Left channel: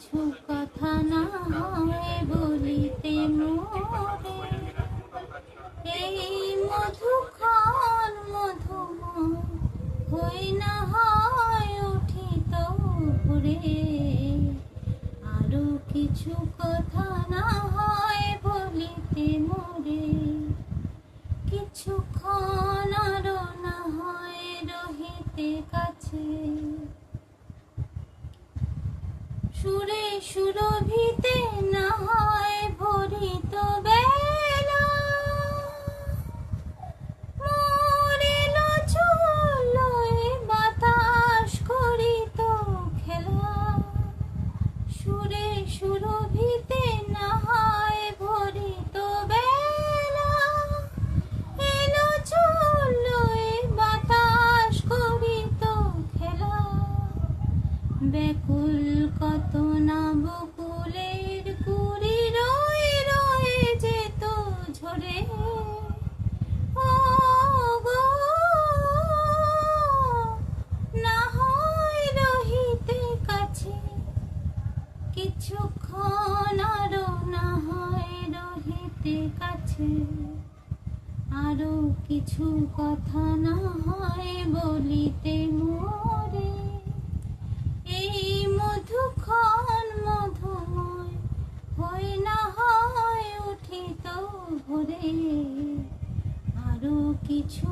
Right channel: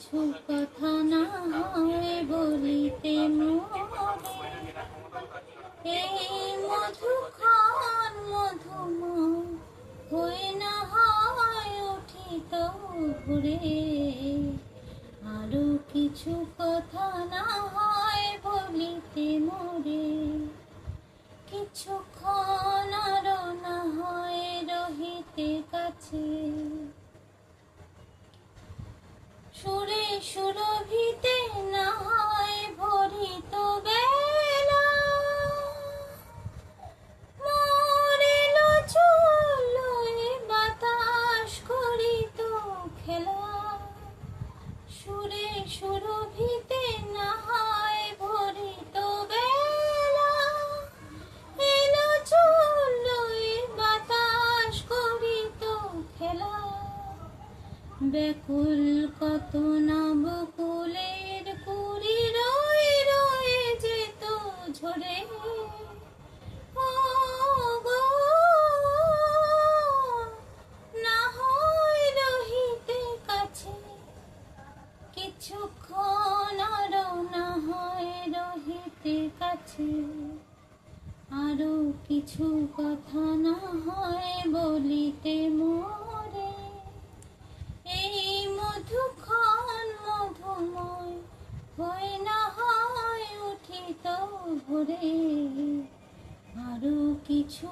কিছু কথা না হয় বলিতে মোরে, এই মধুক্ষণ মধুময় হই না হয় উঠিত ভোরে। আরো কিছু কথা না হয় বলিতে মোরে, কিছুক্ষণ আরো না হয় রহিতে কাছে। সুরে সুরভিতে না হয় ভরিত বেলা, মরিল চলল এ বাতাস করিত খেলা। সুরে সুরভিতে না হয় ভরিত বেলা, এলো চলল এ বাতাস করিত খেলা। ব্যাকুল কত না বকুলের কুড়ি রয়ে রয়ে যেত ঝরে। ও গো, না হয় রহিতে কাছে, কিছুক্ষণ আরো না হয় রহিতে কাছে। আরো কিছু কথা না হয় বলিতে মোরে, এই মধুক্ষণ মধুময় হই না হয় উঠিত ভোরে। আরো কিছু